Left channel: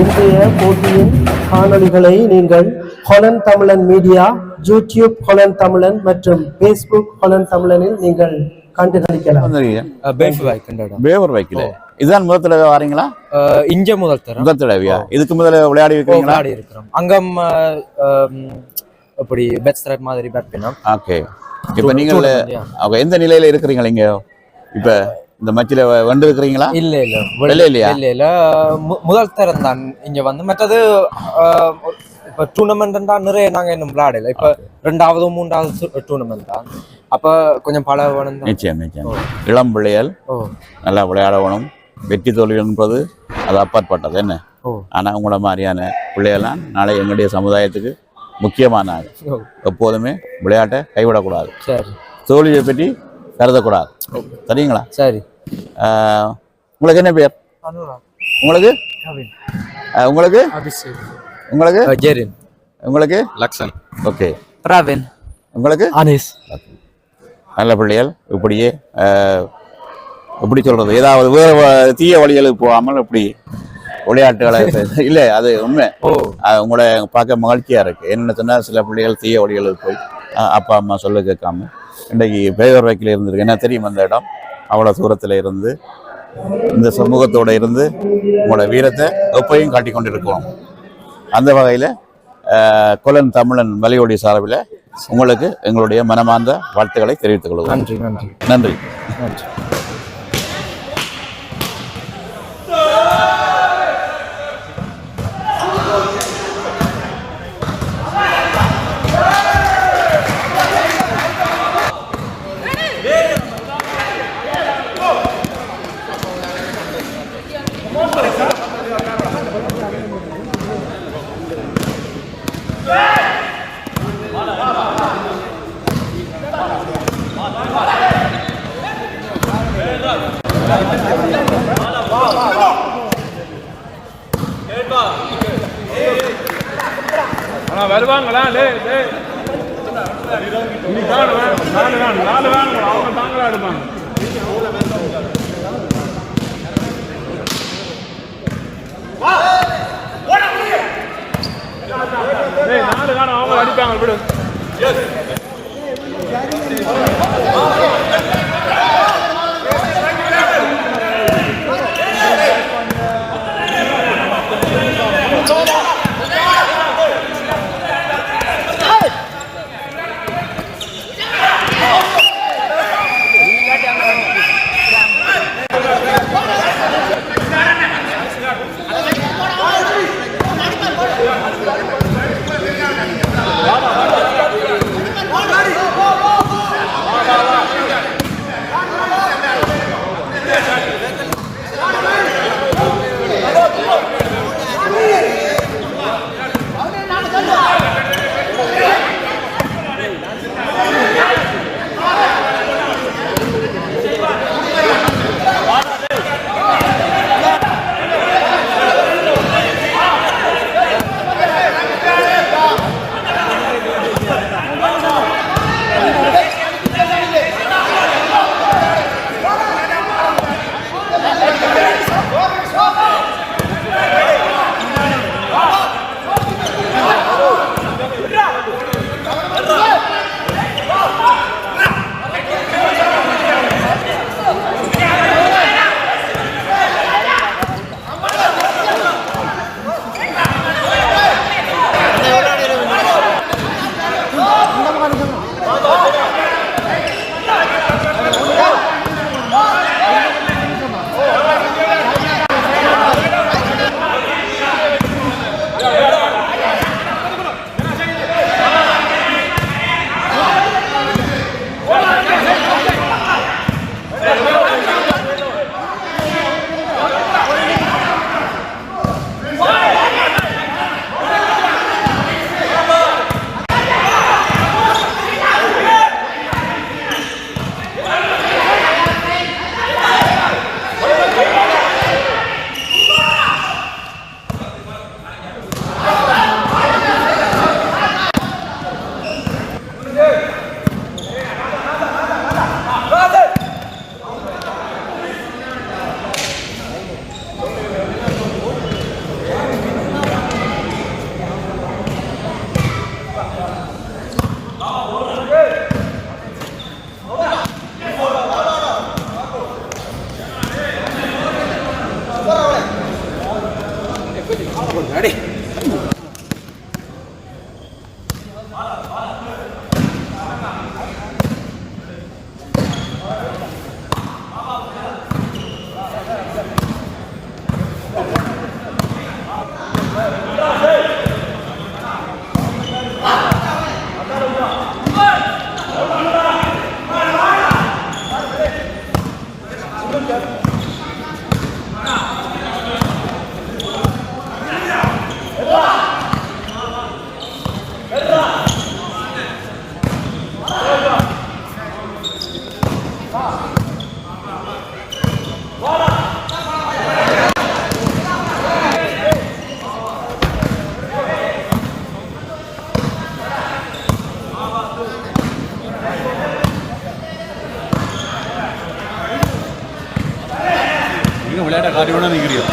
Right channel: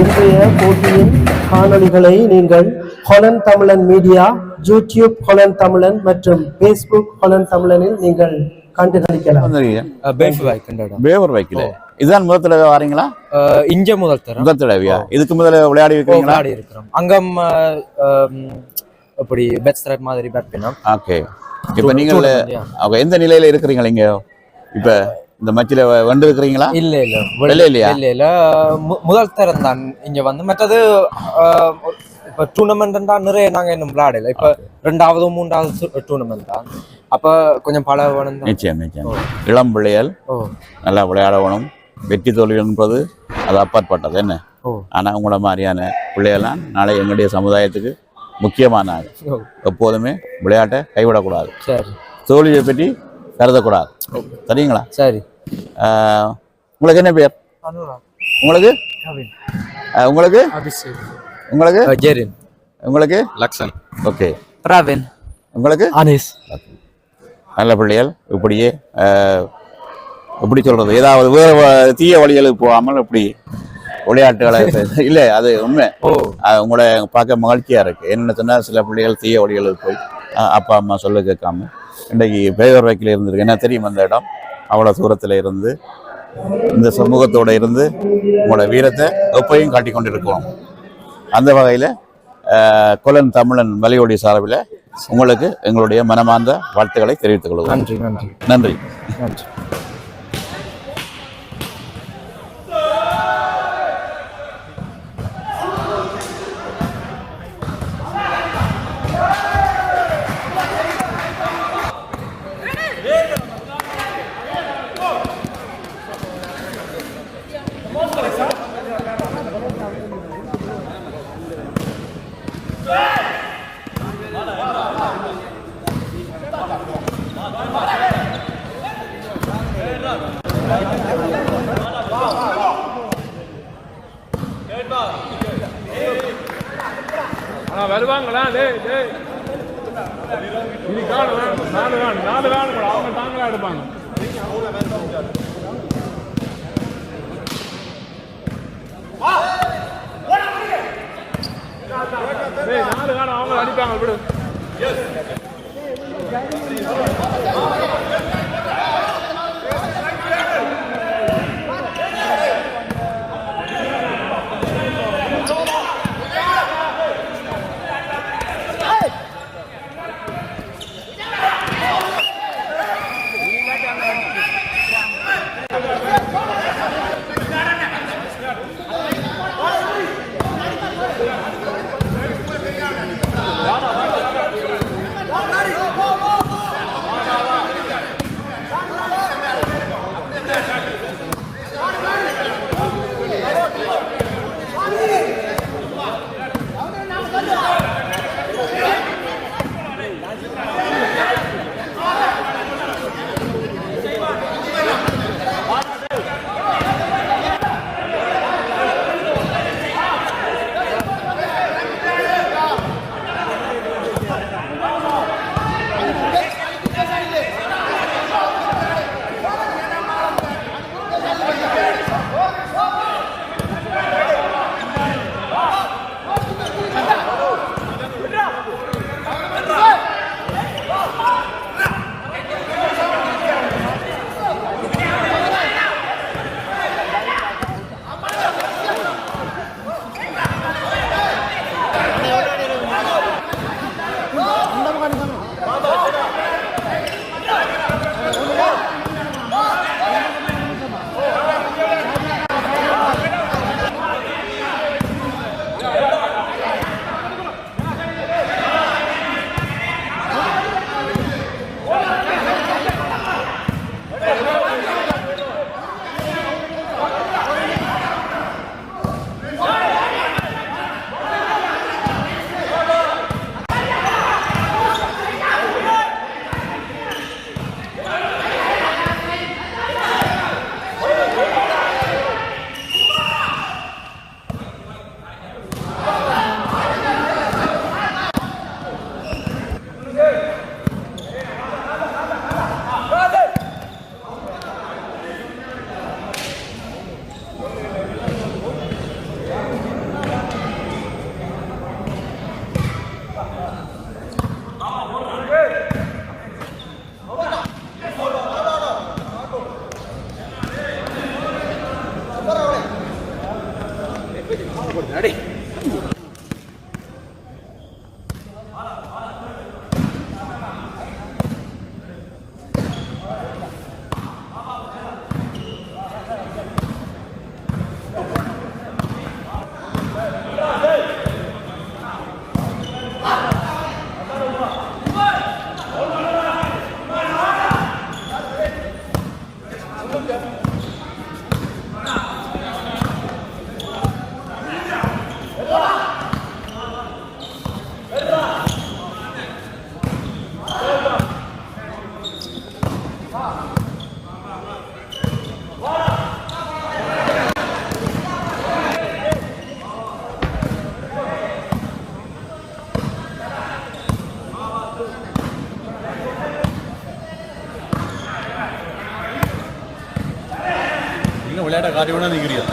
இன்றைய போட்டியின் காணொளிகளை நீங்கள் ஹொலன் தமிழன் மீடியா, யூடியூப் ஹொலன் தமிழன் மற்றும் பேஸ்புக் ஹொலன் தமிழனில் நீங்கள் கண்டுகளிக்கலாம். பேவர் வைக்கல இதுதான் முதல் தடவை வாரீங்களா? இங்க முதல் தடவையா? இதுக்கு முதல்ல விளையாடி இருக்கிறீங்களா? விளையாடி இருக்கிறோம். அங்கம் அப்படி பெட் ஸ்ட்ரைப் மாதிரி பேட் பண்ணோம். ஓகே. இப்போ நீங்கள் எந்த நிலையில இருக்கிறீங்க இங்க? இப்ப இந்த மேட்ச்ல வந்து இருக்கிறீங்களா? இல்ல முதல் தரம் தான் இங்க வந்து. மற்றது இப்ப டூர்னமெண்ட் தான் நிறைய நாங்க இன்னும் விளையாடல. இப்ப 2வது 3வது டூர்னமெண்ட் தான். அப்ப கொஞ்சம் பழகணும். நிச்சயம். இளம் பிள்ளைகள் நல்லா விளையாடணும். வெற்றி தோல்வி என்பது அது அப்பாற்பட்டது என்ன. ஆனா உங்கள மாதிரியான பிள்ளைகள்லாம் நாளை எங்களுடைய சமுதாயத்துக்கு முக்கியமான ஆள். எப்போதுமே விளையாட்டை கைவிடக்கூடாது. தோல்வியை பற்றி கருதக்கூடாது. சரிங்களா? சரி. உங்களுக்கு என்ன பேர்? உங்களுக்கு உங்களுக்கு உங்களுக்கு ஜெரின். உங்களுக்கு லக்ஷன். ஓகே. பிரவீன். உங்களுக்கு அனீஸ். நல்ல பிள்ளைகள். இப்படியே எப்படி சொல்றது, ஏதாவது வேறு தீய வழிகளுக்கு போகாமல் இப்படி விளையாட்டுகளை இல்லை அது உண்மை. உங்களோட பார்க்க மகிழ்ச்சியா இருக்கு. என்னென்னு சொன்னா சில பிள்ளைகள் தீய வழிகளுக்கு போய் அப்பா அம்மா சொல்ல கேட்காம இன்றைக்கு பேவர் வைக்கில் இருந்திருக்கு. என்ன தெரியும், அந்த இடம் அவ்வளோ தூரத்தில் இருந்து இந்த சமூகத்தோடு இருந்து உங்களோட வீரத்தை எப்பையும் காட்டி கொண்டிருக்கோம். அந்த வகையில் கொலன் தமிழன் வலையொலி சார்பில் உங்களுக்கு எங்களுடைய மனமார்ந்த வாழ்த்துக்களை தெரிவித்துக் கொள்வோம். நன்றி நன்றி நன்றி நன்றி. வருவாங்களா? அவங்க அடிப்பாங்க விடு. விளையாட்ட காட்டி வேணா நிற்கிறீங்க.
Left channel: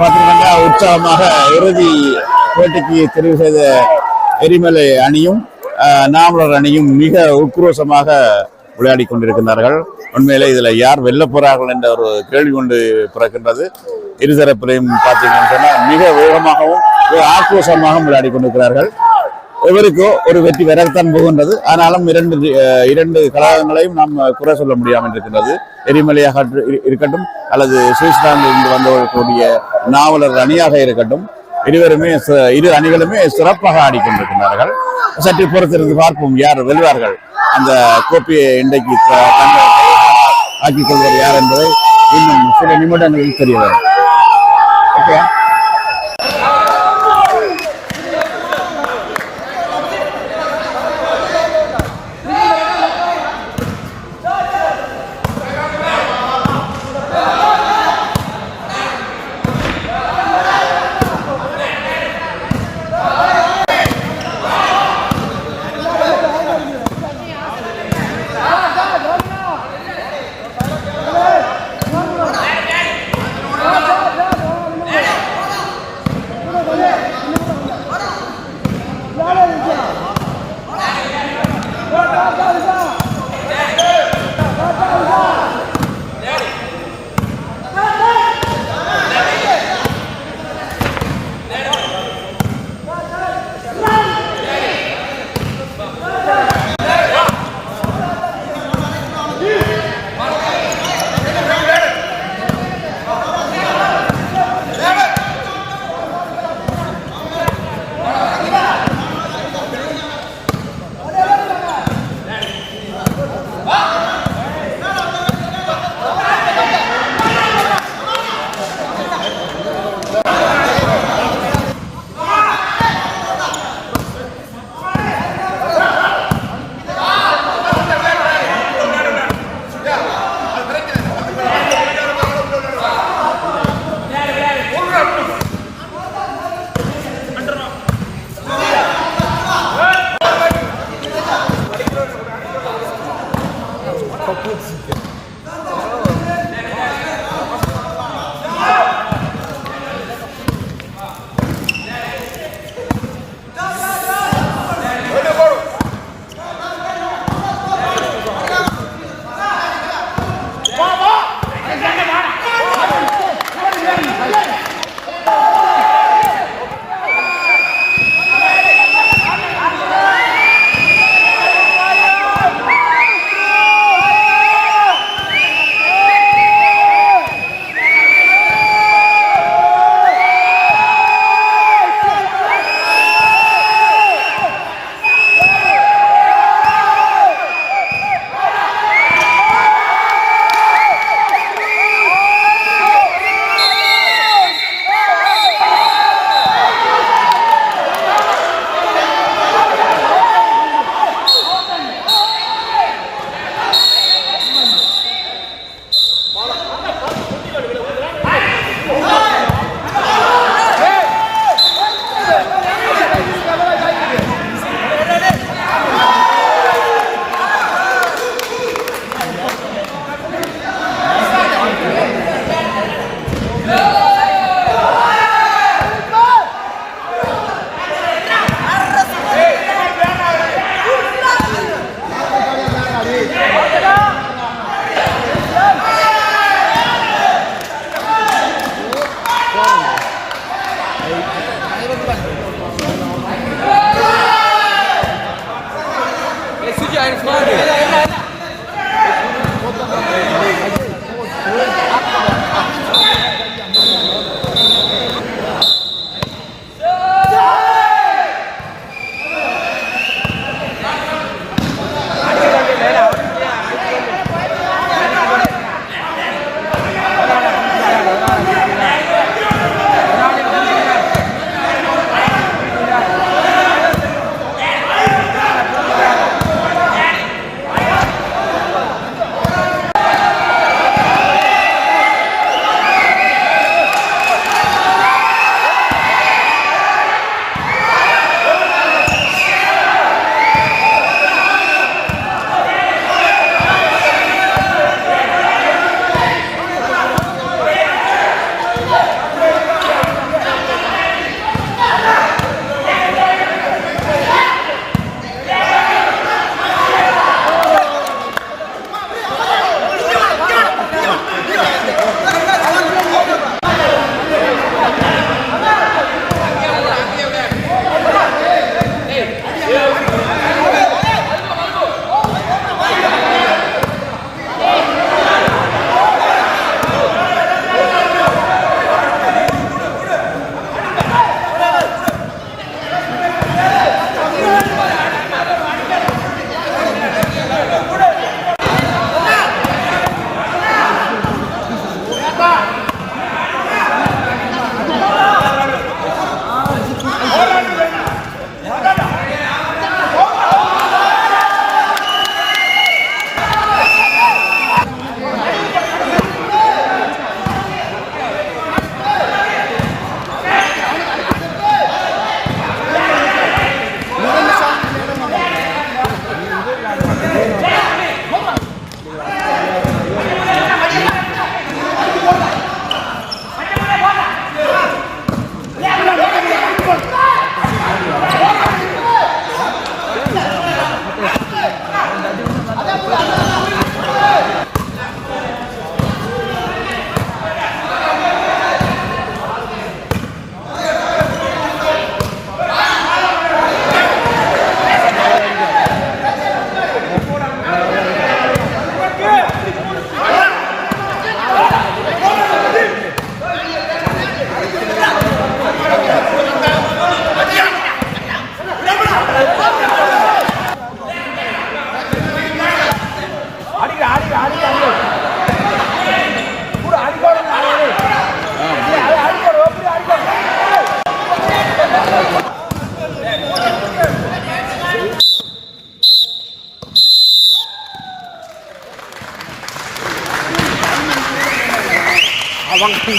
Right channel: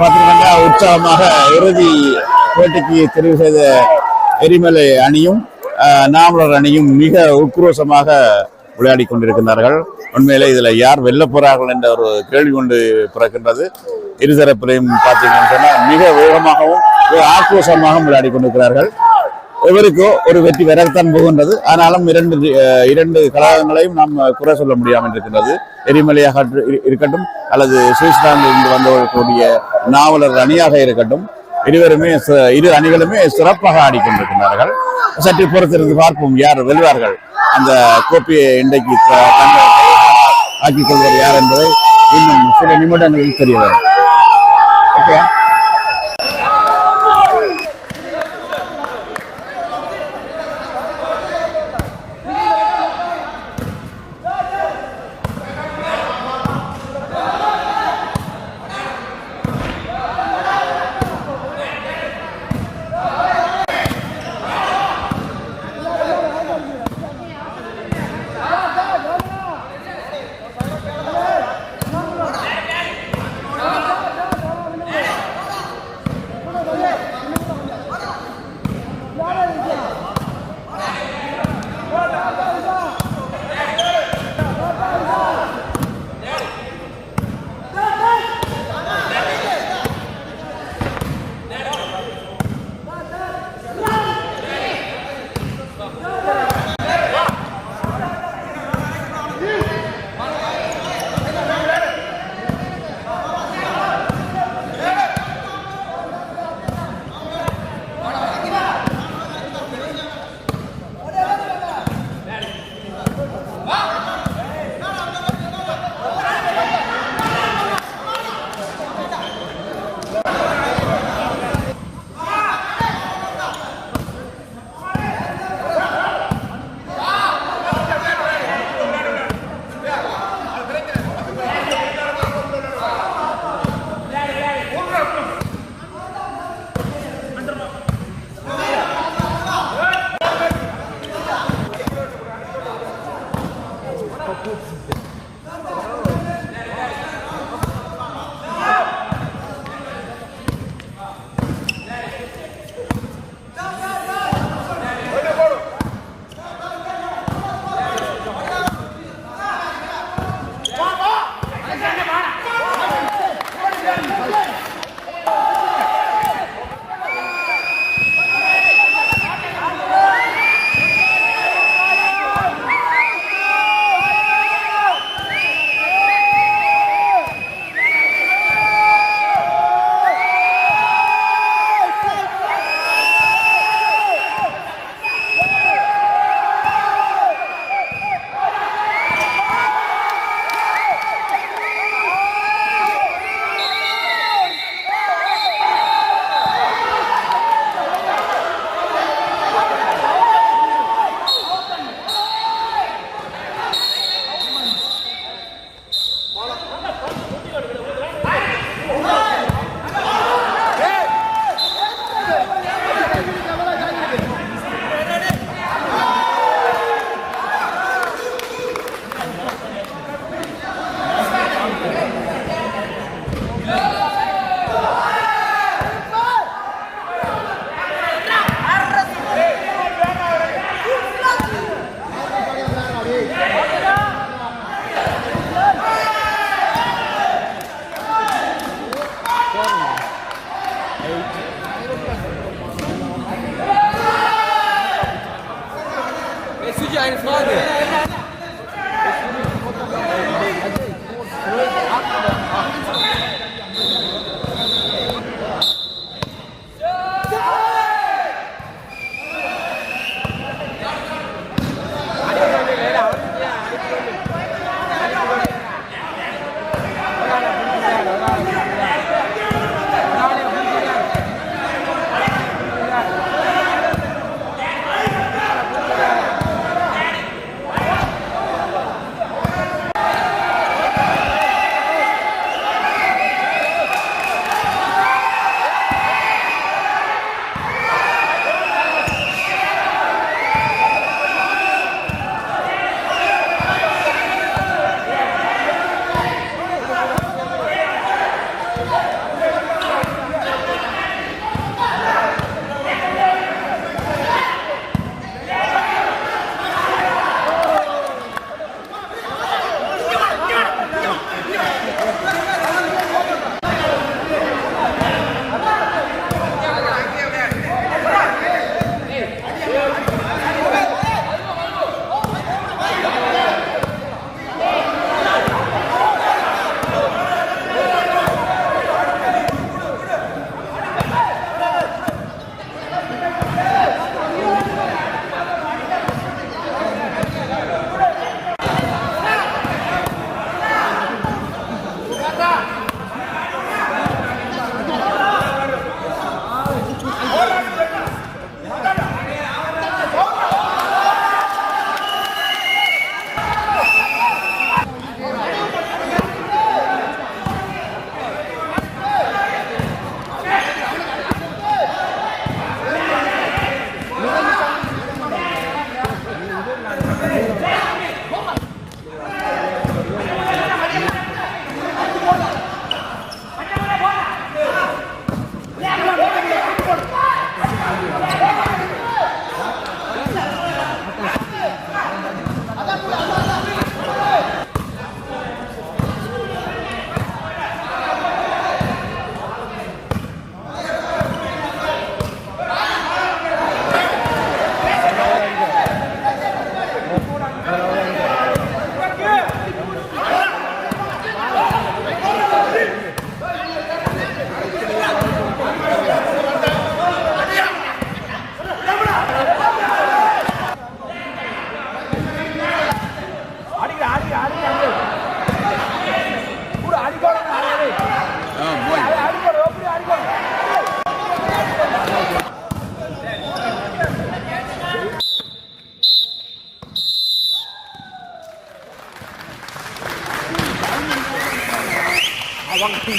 பார்த்தீங்கன்னா உற்சாகமாக இறுதி போட்டிக்கு தெரிவு செய்த எரிமலை அணியும் நாமலர் அணியும் மிக உக்ரோஷமாக விளையாடி கொண்டிருக்கின்றார்கள். உண்மையிலே இதுல யார் வெல்ல போறார்கள் என்ற ஒரு கேள்வி கொண்டு பிறக்கின்றது. இருதரப்பிலையும் பார்த்தீங்கன்னு சொன்னா மிக வேகமாகவும் ஆக்ரோஷமாகவும் விளையாடி கொண்டிருக்கிறார்கள். இவருக்கோ ஒரு வெற்றி வரத்தான் போகின்றது. ஆனாலும் இரண்டு கழகங்களையும் நாம் குறை சொல்ல முடியாமல் இருக்கின்றது. எரிமலையாக இருக்கட்டும் அல்லது சுவிட்சர்லாந்தில் இருந்து வந்தவர்களுடைய நாவலர் அணியாக இருக்கட்டும், இரு அணிகளுமே சிறப்பாக ஆடிக்கொண்டிருக்கிறார்கள். சற்று பொறுத்திருந்து பார்ப்போம் யார் வெல்வார்கள், அந்த கோப்பையை இன்றைக்கு ஆக்கிக் கொள்வது யார் என்பதை இன்னும் சில நிமிடங்களில் தெரிய வரும். ஓகே.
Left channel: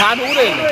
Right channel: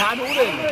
நான் ஊரே இல்லை.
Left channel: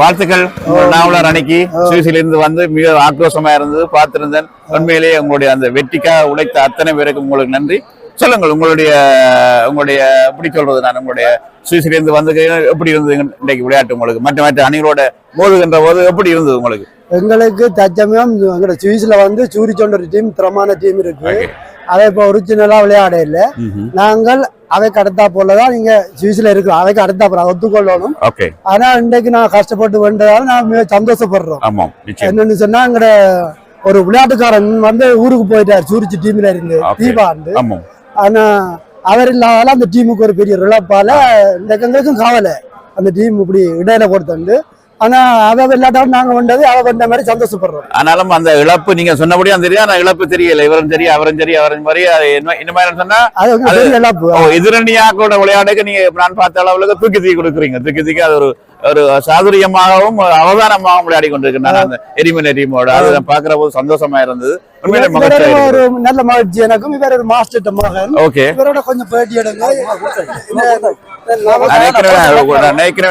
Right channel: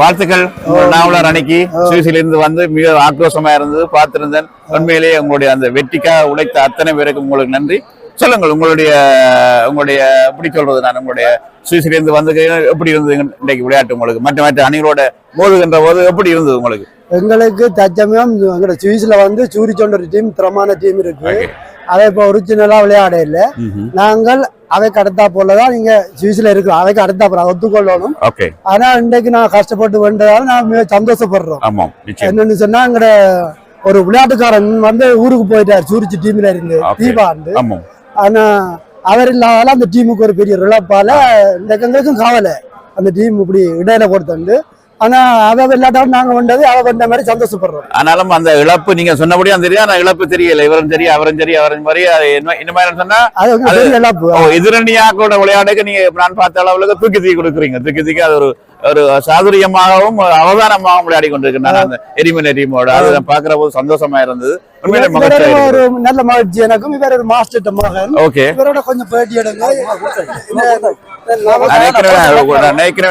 வாழ்த்துக்கள். நாவலர் அன்னைக்கு சுவிஸிலிருந்து வந்து மிக ஆக்ரோஷமா இருந்தது பார்த்திருந்தேன். உண்மையிலேயே உங்களுடைய அந்த வெற்றிக்காக உழைத்த அத்தனை பேருக்கு உங்களுக்கு நன்றி. சொல்லுங்கள், உங்களுடைய எப்படி சொல்றது, நான் உங்களுடைய சுவிஸிலிருந்து வந்து எப்படி இருந்தது இன்றைக்கு விளையாட்டு உங்களுக்கு? மற்ற அணிகளோட மோதுகின்ற போது எப்படி இருந்தது உங்களுக்கு? எங்களுக்கு தற்சமயம் எங்களோட சுவிஸ்ல வந்து சூரிச்சோண்ட ஒரு டீம் திறமான டீம் இருக்கு. அதை இப்போ ஒரிஜினலா விளையாட இல்லை. நாங்கள் அவைக்கு அடுத்தா போலதான் நீங்க சுவிஸ்ல இருக்கிறோம். அவைக்கு அடுத்தா போல ஒத்துக்கொள்ளணும். ஆனா இன்றைக்கு நான் கஷ்டப்பட்டு வந்ததால நான் மிக சந்தோஷப்படுறோம். என்னன்னு சொன்னா எங்கட ஒரு விளையாட்டுக்காரன் வந்து ஊருக்கு போயிட்டார் சூரிச்சு டீம்ல இருந்து தீபாண்டு. ஆனா அவர் இல்லாதால அந்த டீமுக்கு ஒரு பெரிய இழப்பால இந்த எங்களுக்கும் காவலை அந்த டீம் இப்படி இடையில கொடுத்து. ஆனா அவ விளையாட்டாலும் நாங்க வந்தது அவ வந்த மாதிரி சந்தோஷப்படுறோம். ஆனாலும் அந்த இழப்பு நீங்க சொன்னபடியா தெரியும். ஆனா இழப்பு தெரியல. இவரும் தெரியும் அவரும் தெரியும் அவரும் மாதிரி இந்த மாதிரி சொன்னா எதிரணியா கூட விளையாடுக்கு நீங்க நான் பார்த்த அளவுக்கு தூக்கி கொடுக்குறீங்க. தூக்கி அது ஒரு சாதுரியமாகவும் அவதானமாகவும் விளையாடி கொண்டிருக்கிறாங்க அந்த எரிமலை டீமோட. அதை பாக்குற போது சந்தோஷமா இருந்தது. ஒரு நல்ல மகிழ்ச்சி எனக்கும். இவர் ஒரு மாஸ்டர் மகன். இவரோட கொஞ்சம் பேட்டி எடுங்க.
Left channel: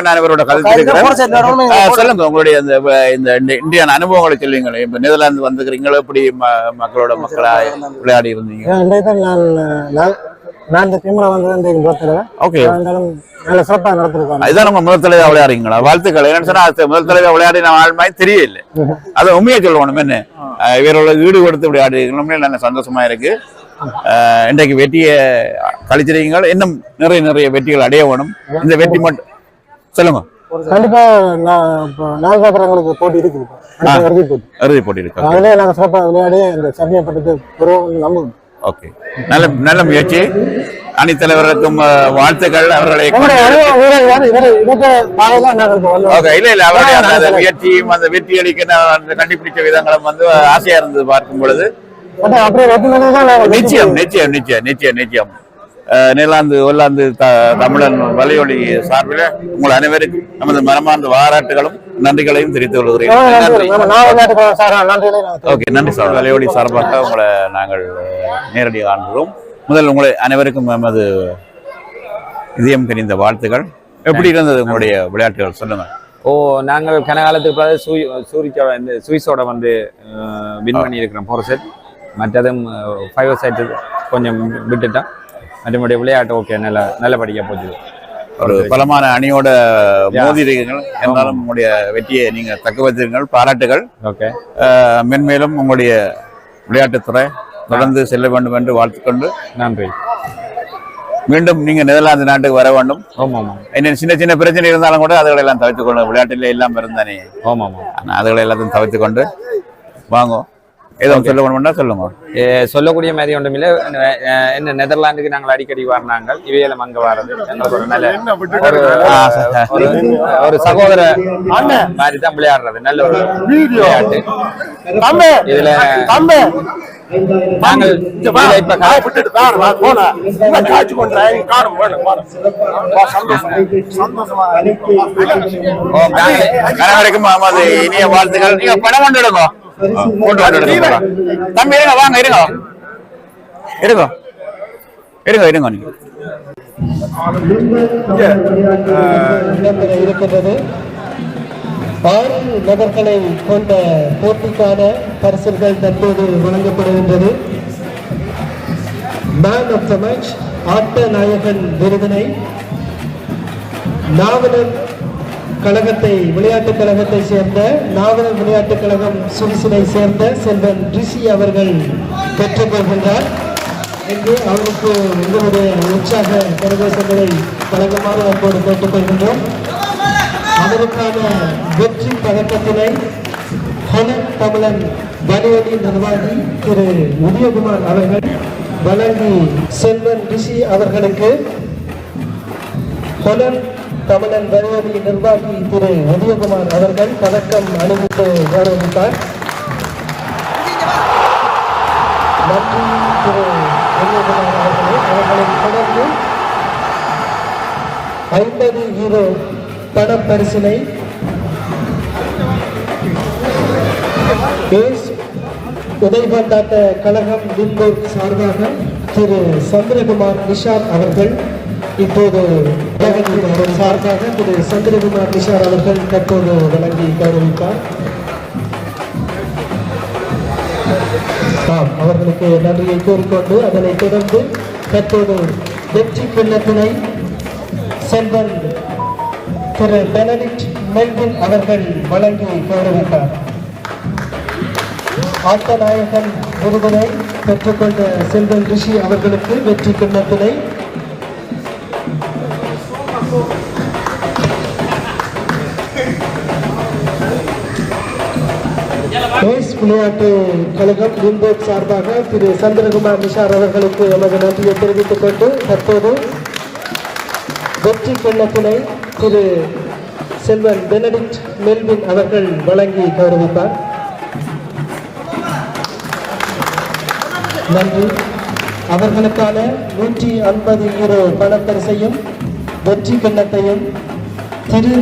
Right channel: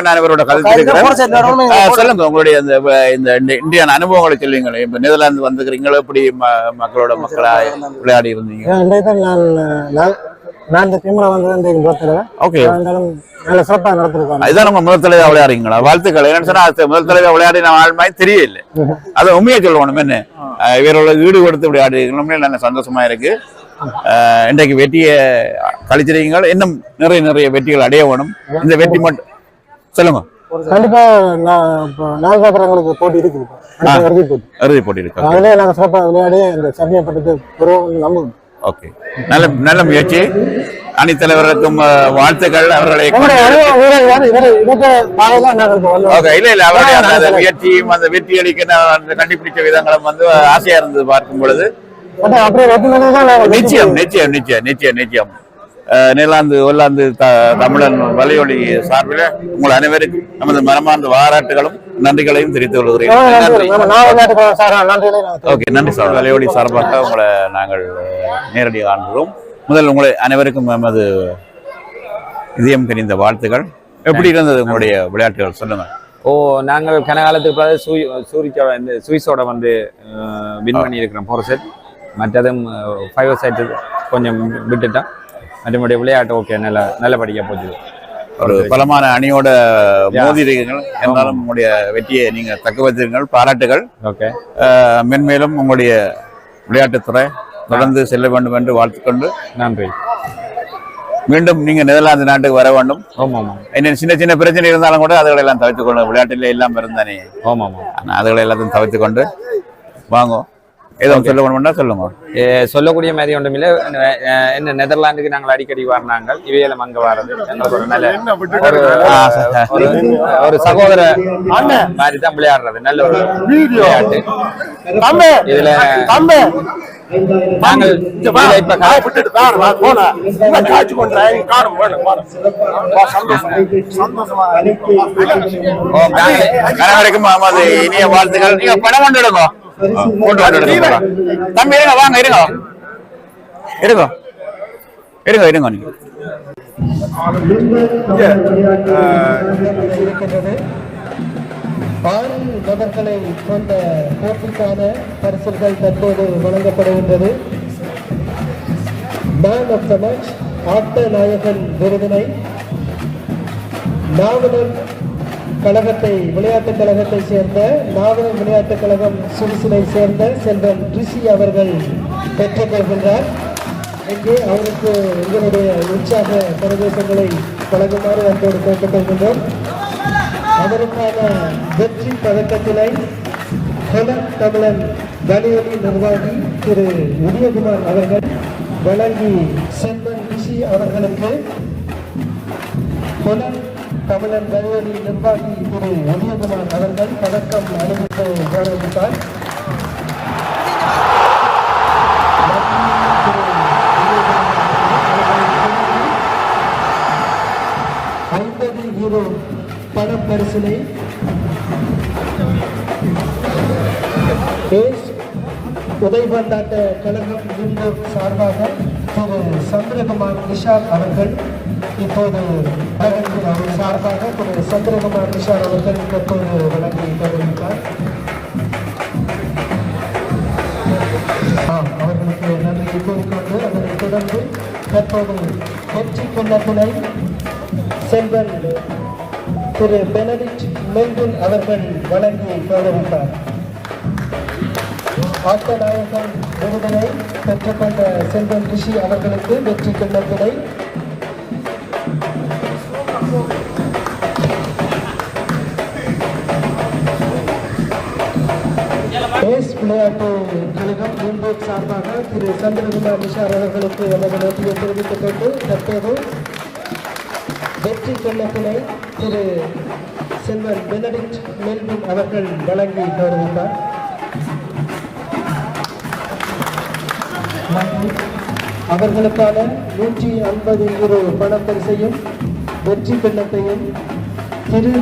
நான் இவரோட சொல்லுங்க உங்களுடைய இந்த இந்தியன் அனுபவங்களை சொல்லுங்களேன். இப்ப நெதர்லாந்து வந்துக்கிறீங்களா, எப்படி மக்களோட மக்களா விளையாடி இருந்தீங்க? நான் இந்த டீம்ல வந்து நல்ல சிறப்பாக நடத்திருக்கோம். இதுதான் உங்க முதல் தலைவா விளையாடுறீங்களா? வாழ்த்துக்கள். என்னன்னு சொன்னா முதல் தலைவா விளையாடி நான் ஆள் மாதிரி தெரியல. அதை உண்மையை சொல்லணும். என்ன இவரோட ஈடு கொடுத்து விளையாடுறீங்க, நல்ல சந்தோஷமா இருக்கு. இன்றைக்கு வெற்றியை கழிச்சிருக்கீங்க. இன்னும் நிறைய வெற்றிகள் அடைய வேணும். இந்த வெற்றி மட்டும் சொல்லுங்க. கண்டிப்பா நாகங்களுக்கு போட்டி இருக்கு. இறுதி போட்டி இருக்கு. அதுல நாங்க சிறப்பாக விளையாடி இந்த சாம்பியன் பட்டத்துக்கு நம்புவோம். ஓகே, நல்ல முயற்சி. அணித்தலைவருக்கும் வாழ்த்துக்கள். அவர்களை இல்ல அவருடைய முயற்சியும் அந்த வெற்றி அளிக்க கண்டுபிடிச்ச விதங்களும் வந்து ஆசையா இருந்தது பார்க்கும் பொழுது. நிச்சயம் நெதர்லாந்து ஒல்லாந்து தமிழன் வலையொலி சார்பில் உங்கள் அனைவருக்கும் நமது மனமார்ந்த பாராட்டுகளும் நன்றிகளையும் தெரிவித்துக் கொள்கிறேன். நன்றி சார். வலையொலி சார்பாக உங்களை நாங்கள் நேரடியாக காண்கிறோம். முதல் உங்களை அனைவருக்கும் நமது இதயம் கனிந்த வாழ்த்துக்கள். எப்படி இருந்தது உங்களுடைய விளையாட்டுகள் சொல்லுங்க. நாங்கள் கனகாலத்துக்கு பிறகு சுவிஸோட வந்து வின் பண்ணி இருக்கிறோம் 4 செட். மற்றதும் 5 செட் கொஞ்சம் விட்டுட்டோம். மற்றபடி விளையாட்டு ஓகே, நல்லபடியாக போச்சு. ஒரு பலமான அணியோட மோதி இருக்கீர்கள். இருந்தாலும் உங்களுடைய வெற்றியை நீங்க தக்க வைத்திருங்கள். பாராட்டுகள். மென்மேலும் உங்களுடைய விளையாட்டுத்துறை தொடர்ந்து செல்ல வேண்டும் என்று வாழ்த்துக்கொண்டு நன்றி. மீண்டும் நீங்க நெதர்லாந்து நாட்டுக்கு வர வேண்டும். என்ன சின்ன பிரச்சனை இருந்தாலும் கூட அதுகளை எல்லாம் தவிர்த்துக் கொண்டு விளையாட்டில எல்லாம் இருந்தானே. அதுகளை எல்லாத்தையும் தவிர்த்து கொண்டு வாங்க. ஏதோ சொல்ல வேணும்னா சொல்லுங்க. சொல்லக்கூடிய மாதிரி ஒன்றும் இல்லை. என்ன நெதர்லாந்துக்கு நாங்கள் அடிக்கடி வரணாங்க, இவையிலும் அங்க வர்றது எங்களுக்கு ஒரு நல்ல ஒரு சகோதர மாதிரி தான் விளையாடுறது. நல்ல ஒரு விளையாட்டு. இதுல நாங்கள் இப்ப அனைவருக்கும் நமது இனிய வாழ்த்துக்கள். நீங்க பணம் கொண்டு எடுங்க, தம்பி இருங்க, வாங்க இருங்க இருங்க இருங்க இருங்க. நீங்க ஆறு நபர்களை கொண்ட போட்டிக்கான பரிசுகள் தற்போது வழங்கப்படுகின்றது. மேன் ஆஃப் த மேட்ச் ஆட்ட நாயகன் விருதினை நாவலர் கழகத்தை விளையாட்டுக் கழகத்தை சேர்ந்த நாவலர் விளையாட்டுக் கழகம் சுவிசிலை சேர்ந்த செல்வன் ரிஷி அவர்கள் பெற்றுக் கொள்கின்றார். இங்கே அவருக்கு எங்களுடைய உற்சாக பிரதேசங்களை வழங்குமாறு அப்போது கேட்டுக்கொள்கின்றோம். அதற்கான வெற்றி பதக்கத்தினை ஹொலன் தமிழன் வலியொலி நிர்வாகி திரு உதயகுமார் அவர்கள் வழங்கி செல்வன் ரிஷி அவர்களுக்கு ஹொலன் தமிழன் வலியொலி நிர்வாகி திரு உதயகுமார் அவர்கள் பதக்கம் அணிவித்து கௌரவித்தார். நன்றி திரு உதயகுமார் அவர்களை தொடர்ந்து 50 யூரோ பணப்பரிசினை உதைபந்தாட்ட கழகம் வில்லூர் சார்பாக திரு சந்திரகுமார் நிஷார் அவர்கள் இப்போது அவர் சார்பாக திரு சந்திரகுமார் நிஷார் அவர்கள் தற்போது வழங்கி கௌரவித்தார். அவர்களுக்கு நன்றியை கூறிக்கொண்டு அதனைத் தொடர்ந்து தற்போது வெற்றி கிண்ணத்தினை செல்வன் திரு பெனடிக்ட் மெல்வின் அவர்கள் வழங்கி கௌரவித்தார். ஆட்ட நாயகன் விருதினை பெற்றுக்கொண்ட செல்வன் ரிஷி அவர்களுக்கு வெற்றி கிண்ணத்தினை விளையாட்டு கழகம் வில்போர்ட் சார்பாக திரு சந்திரகுமார் நிஷார் அவர்களுக்கு எமது நன்றியை தெரிவித்துக் கொண்டு தற்போது வெற்றி கிண்ணத்தினை திரு செல்வன் பெனடிக்ட் மெல்வின் அவர்கள் வழங்கி கௌரவித்தார். நன்றி. அவர்களுக்கான 150 யூரோ பணப்பரிசையும் வெற்றி கிண்ணத்தையும்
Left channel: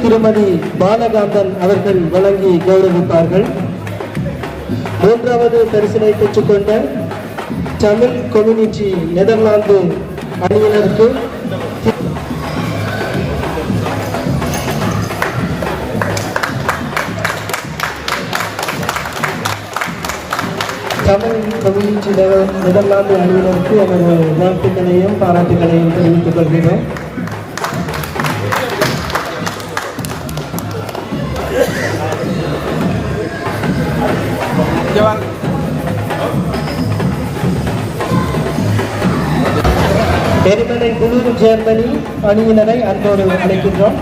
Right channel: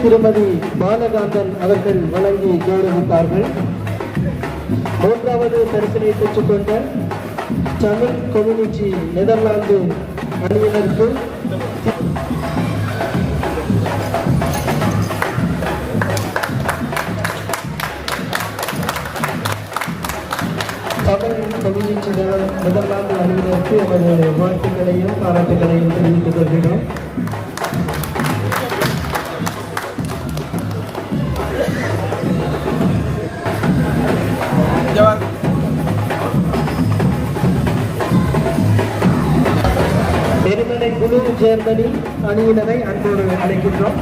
திருமதி பாலகாந்தன் அவர்கள் வழங்கி கௌரவிப்பார்கள். மூன்றாவது பரிசினை பெற்றுக்கொண்ட தமிழ் கம்யூனிட்டி நெதர்லாந்து அணியினருக்கு தமிழ் கம்யூனிட்டி நெதர்லாந்து அணியினருக்கு எனது வாழ்த்துக்களையும் பாராட்டுகளையும் தெரிவித்துக் கொள்கிறோம். எரிமலை குழு ஜெர்மனி அணியினரை அன்போடு அழைக்கின்றோம்.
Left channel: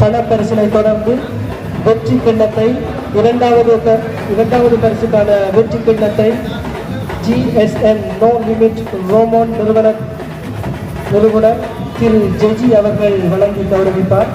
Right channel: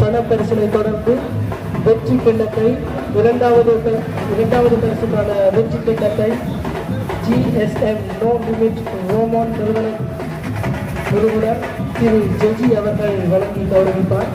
பணப்பரிசினை தொடர்ந்து வெற்றி கிண்ணத்தை இரண்டாவது பரிசுக்கான வெற்றி கிண்ணத்தை GSM நோ லிமிட் ரோமோன் நிறுவனர் திரு ஜெஜி அவர்கள் வழங்கி கௌரவிப்பார்.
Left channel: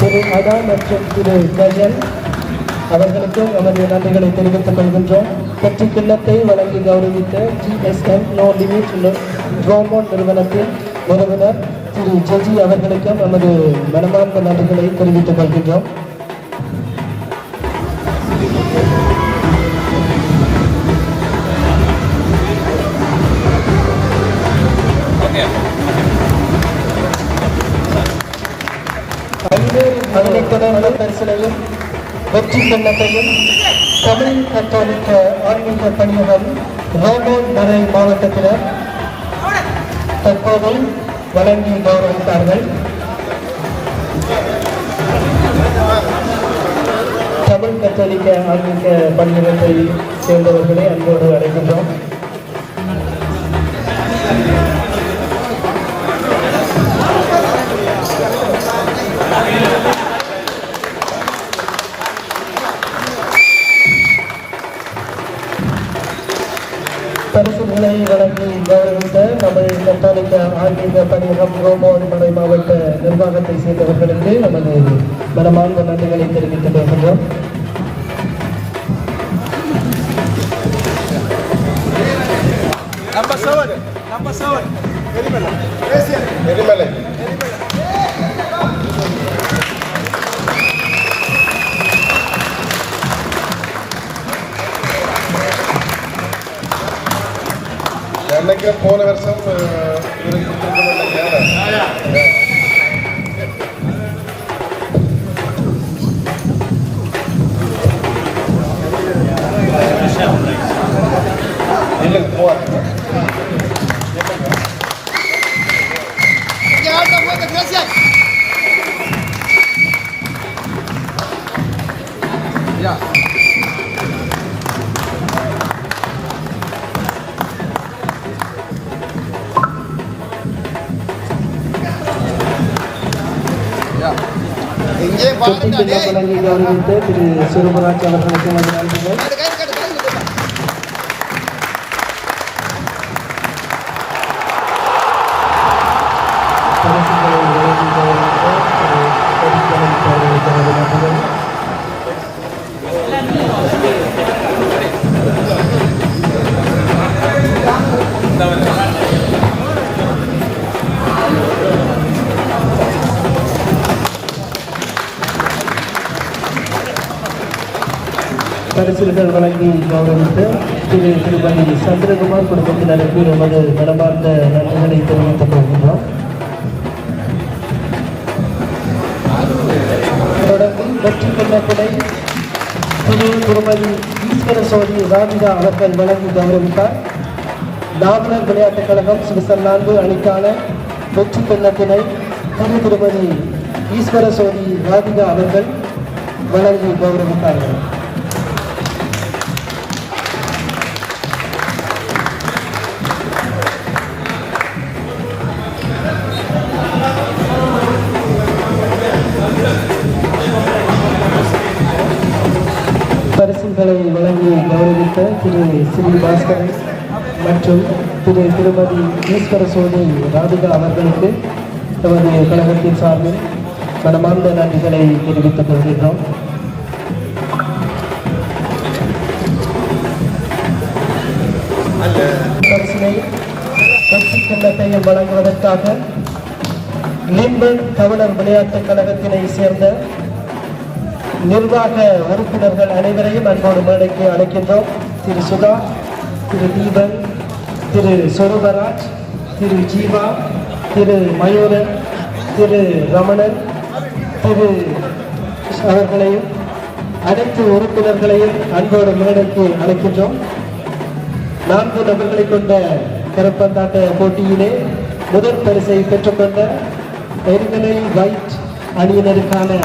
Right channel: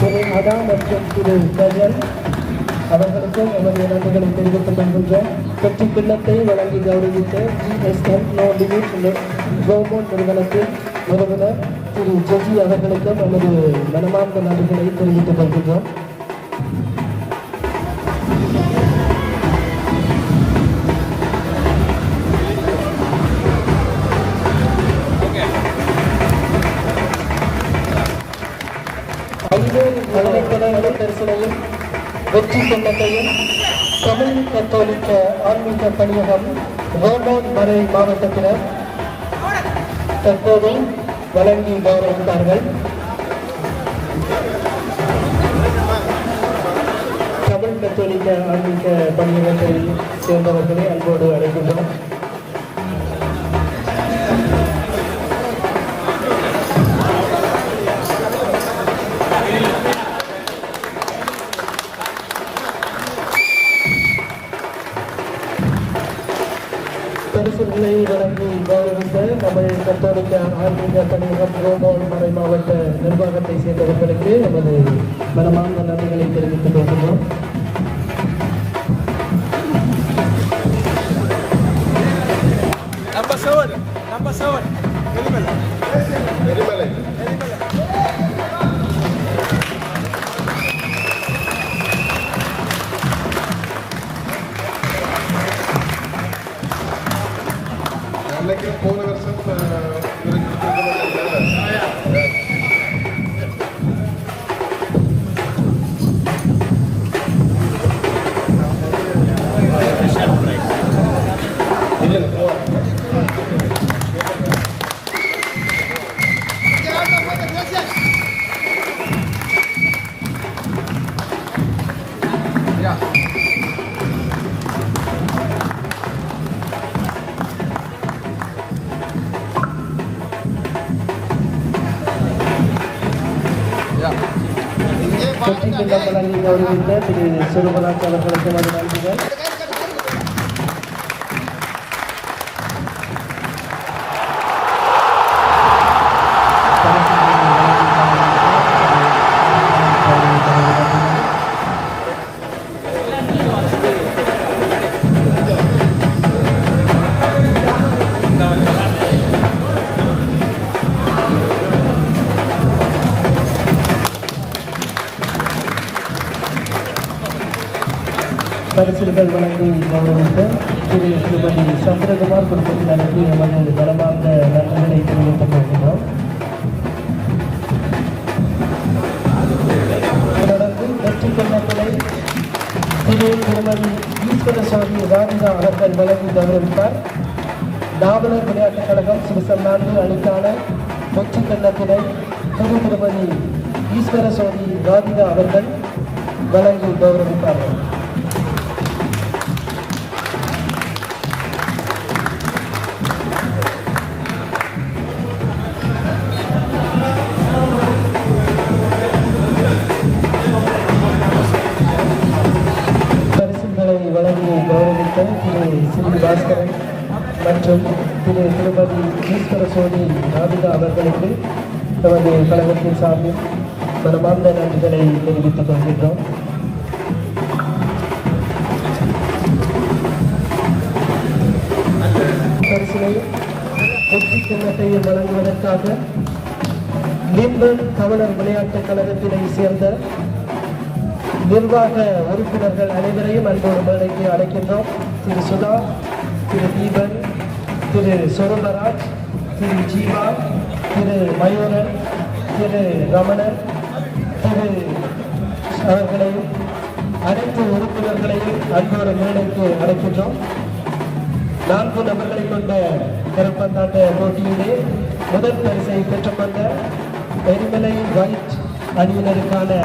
திரு அதா மற்றும் திரு கயல் அவர்களுக்கும் நமது நன்றிகளை தெரிவித்துக் கொள்கின்றோம். வெற்றி கிண்ணத்தை வழங்கி கௌரவித்த GSM நோ லிமிட் ரோமோன் நிறுவனத்தின் நிறுவனர் திரு ஜெஜி அவர்களுக்கும் நமது மனமார்ந்த நன்றிகளை தெரிவித்துக் கொள்கின்றோம். அதனைத் தொடர்ந்து பரிசினையும் வெற்றி கிண்ணத்தையும் தமிழ் கத்தோலிக்க ஆன்மீக பணியகம் ரோமோன் மறை மாவட்டத்தினர் தற்போது வழங்கி கௌரவித்தார்கள். தமிழ் கத்தோலிக்க ஆன்மீக பணியகத்தை சேர்ந்தவர்களை அன்போடு அழைக்கின்றோம். பரிசுகளை வழங்கி கௌரவித்த தமிழ் கத்தோலிக்க ஆன்மீக பணியகம் ரோமான் மறை மாவட்ட நிர்வாகத்தை சேர்ந்தவர்களுக்கு நமது மனமார்ந்த நன்றிகளை தெரிவித்துக் கொள்கின்றோம். போன வருஷம் இல்லைங்க போவாங்க. வெற்றிக்கிண்ண வழங்கி கௌரவித்த திரு சிவராஜ் அவர்களுக்கு நன்றிகள். பரிசுகள் வழங்கி கௌரவித்த திரு திருமதி சந்திரகுமார் குடும்பத்தினருக்கு எமது மனமார்ந்த நன்றிகளை தெரிவித்துக் கொள்கின்றோம். தொடர்ந்து வெற்றி கொள்ளப்படை திருமதி ஈஸ்வர சோதி ராதிகா அவர்கள் வழங்கி கௌரவித்தார். நாவலர் விளையாட்டுக் கழகம் சுவிட்சர்லாந்து அணிக்காளர் வெற்றி கொள்ளப்படை திருமதி ஈஸ்வர சோதி ராதிகா அவர்கள் வழங்கி கௌரவித்தார்கள். வழங்கி கௌரவித்த திரு ஸ்ரீ பாஸ்கரன் மற்றும் திரு திருமதி ஈஸ்வர சோனி ராதிகா அவர்களுக்கு நமது கழகத்தின் சார்பில் மனமார்ந்த நன்றிகளை தெரிவித்துக் கொள்கின்றோம். பரிசினை வெற்றி கிண்ணத்தையும் வழங்குவதற்காக லிம்பன் தமிழர் விளையாட்டுக் கழகத்தினை சேர்ந்த நிர்வாக உறுப்பினர்கள் அனைவரையும் அன்போடு மேடைக்கு அழைக்கின்றோம். திரு சுதா, திரு தீபன், திரு சொருபராஜ், திரு ஜீவா, திரு மயூரன், திரு ரமணன், திரு அவர்களையும் அனைத்து உறுப்பினர்களையும் அன்போடு மேடைக்கு அழைக்கின்றோம். 4 நபர்களை கொண்ட கரப்பந்தாட்ட போட்டியிலே முதல் பரிசை பெற்றுக்கொண்ட எரிமலை வைட் அணியினருக்கான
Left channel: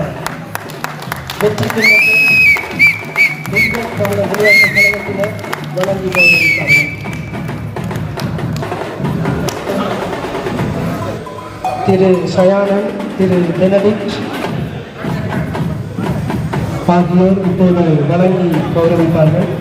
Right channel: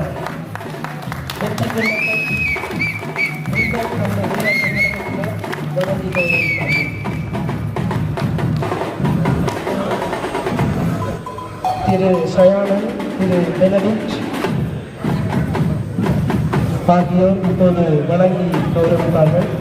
திரு சயானன், திரு பெனடிக்ட் ஆகியோர் இப்போது வழங்கி கௌரவித்தார்கள்.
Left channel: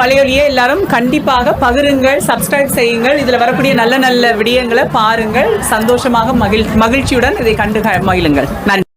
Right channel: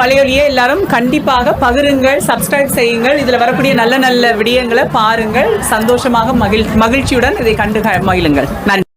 பழையொலியை எல்லாரும் கண்டிப்பாக பகிருங்கள், சப்ஸ்கிரைப் செய்யுங்கள். இதில் வரக்கூடிய நல்ல நல்ல விடயங்களை பாருங்கள். சந்தோஷமாக மகிழ்ச்சியுடன் இதை கண்டு மகிழுங்கள். நன்றி.